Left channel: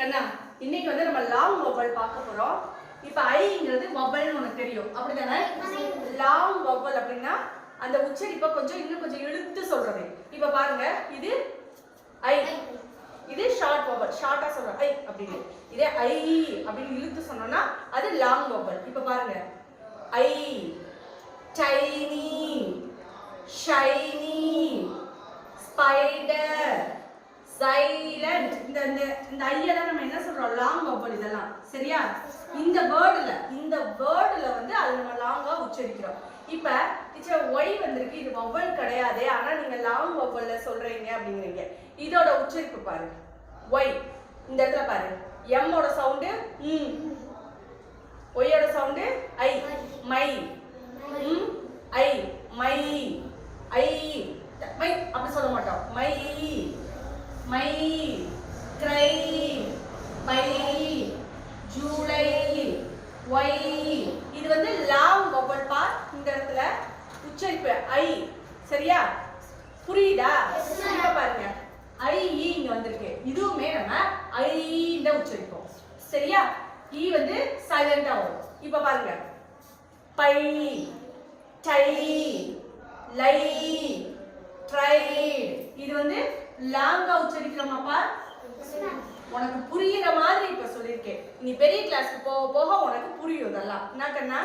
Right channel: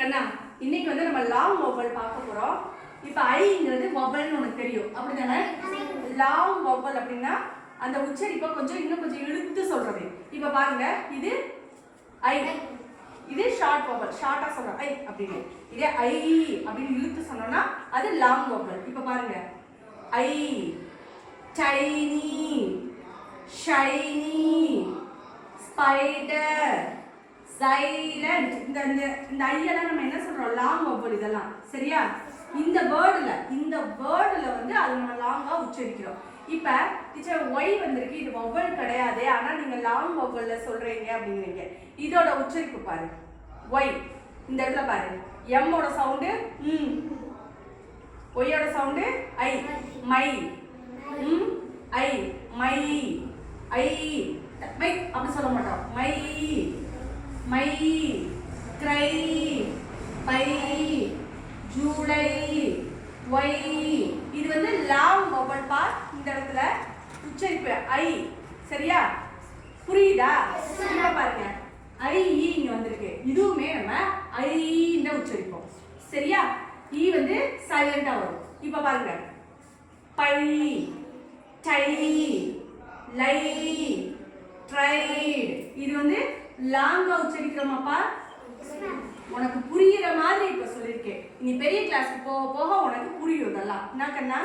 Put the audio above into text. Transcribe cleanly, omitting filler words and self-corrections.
கண்ணா இன்னைக்கு வந்து நம்ம லாங் வவல் பார்க்க போறோம். இப்போ ஐங்கிறது வவல்னு உனக்கு தெரியும் அப்படிதானே? லாங் வவல் அப்படின்னா அந்த உச்சரிப்பை இன்னும் கொஞ்சம் இழுத்து சொல்றது. இப்போ பாருங்க, இது ஐ, இது ஷார்ட் வவல், ஷார்ட்டா சொல்றோம் ஐ அப்படின்னு. இதே ஐ அப்படின்னு இழுத்து சொன்னோம்னா அது லாங் வவல். இப்போ பாருங்க, ஐ, டைனி, ஷைனி, ஸ்பைடர், சைலண்ட். இந்த ஐயெல்லாம் நம்ம என்ன சொல்றோம்? லாங் வவல் இதெல்லாம். சரியா? இந்த வேர்டுல வந்து அது நம்ம லாங்கா உச்சரிக்கிறோம். இப்ப டீச்சர் ஒய் வந்திருக்கு, இது வவல் கிடையாது, ஆனா நீங்க லாங் வவல்ல சொல்றீங்க அப்படிங்கிறீங்க. இதோட உச்சரிப்பு பாரு. ஒய் இந்த இடத்துல பாரு, எம் ஓட சவுண்டு ஒய்யோட sound I, my, I, my, I, my அப்படி சொல்ல மாட்டோம். My, my, cry, by, July, Y. இது வந்து லாங் வவல் பார். இந்த இடத்துல உச்சரிப்பு ஐ. சரியா? புரியுதா? பாருங்க, ஐ இங்க வந்திருக்கு, இதுவுமே நம்ம ஐ இந்த உச்சரிப்போம். சரியா? ஈ வந்து சைலண்டா வரும். இப்ப பாருங்க, பை, டை, லை, ட்ரைட். இது வந்து லாங்கா உச்சரிக்கிறோமாப்பா? உனக்கு புரியுற மாதிரி இப்ப சொல்லியிருக்கேன். நீ பெரிய கிளாஸ்க்கு போக போக உனக்கு புரியும் இதெல்லாம். என்ன கண்ணா?